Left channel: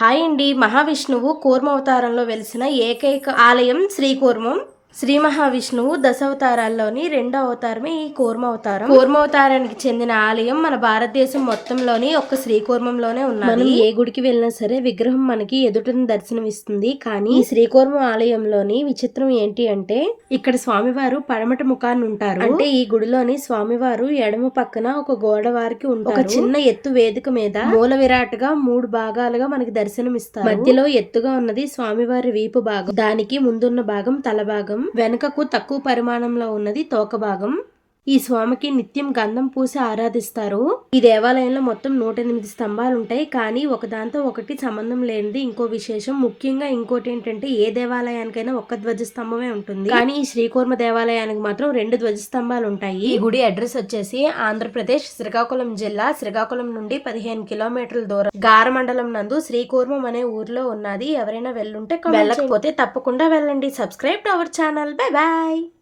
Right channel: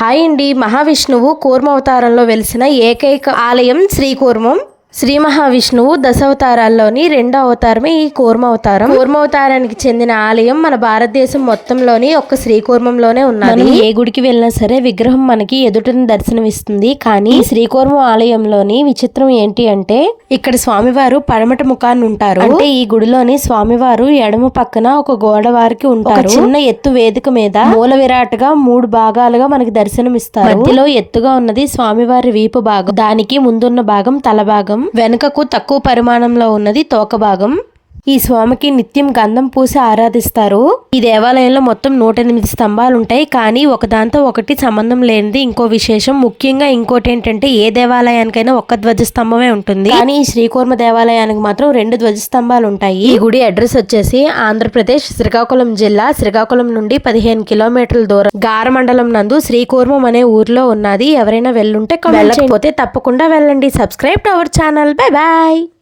Hi అండి. మహావిష్ణువు కూర్మావతారంలో వెలిసిన ఏకైక ఆలయం శ్రీకూర్మం. శ్రీ మహావిష్ణువు దశావతారాల్లోని రెండో అవతారమే ఈ కూర్మావతారం. కూర్మావతారానికి చెందిన ఆలయం మన భారతదేశం మొత్తంలోని ఒక్క శ్రీకూర్మంలోనే ఉన్నది. ఏ గుడికి వెళ్ళినా సరే విగ్రహం మనకి ఎదుటను దర్శనమిస్తుంది. కానీ శ్రీకూర్మం ఆలయంలోని విచిత్రం ఏంటి అంటే ఇక్కడ స్వామివారు పడమట ముఖాన్ని ఉంటారు. అంటే ఈ గుడిలోని స్వామివారు ఎడమ పక్కన ఒక గోడ వారికి ఉంటారు. చిన్న ఎత్తు వేదిక మీద మూల విరాట్గా 3 భాగాలుగా మనకి దర్శనమిస్తారు. మధ్యలో ఎత్తుగా ఉన్నది స్వామివారి వీపు భాగం, దానికి ముందున్న భాగం తల భాగం, వెనుకకు తక్కువ పరిమాణంలో ఉన్నది తోక భాగం. ఈ స్వామికి నిత్యం గంధం పూసి ఆరాధిస్తారు. ఈ దేవాలయంలో మొత్తం 108 స్తంభాలు ఉంటాయి. కానీ ఒకదాంతో ఒకటి సంబంధం లేనిది ఇంకో విశేషం. ముఖ్యంగా ఇంకోటి ఏంటంటే ఏ దేవాలయానికైనా ఒక్క ధ్వజస్తంభమే ఉంటుంది. కానీ ఈ శ్రీకూర్మ దేవాలయానికి మాత్రం 2 ధ్వజస్తంభాలు ఉంటాయి. ఈ గుడి అడ్రస్ వచ్చేసి ఆంధ్రప్రదేశ్ శ్రీకాకుళం జిల్లా, శ్రీకాకుళం నుండి 15 కిలోమీటర్ల దూరం గార మండలం నందు శ్రీకూర్మం అనే ఊర్లో ఉన్నది. ఎవరైనా వెళ్ళుంటే వెళ్ళకపోతే తప్పకుండా వెళ్ళండి. Subscribe to our channel. Bye bye.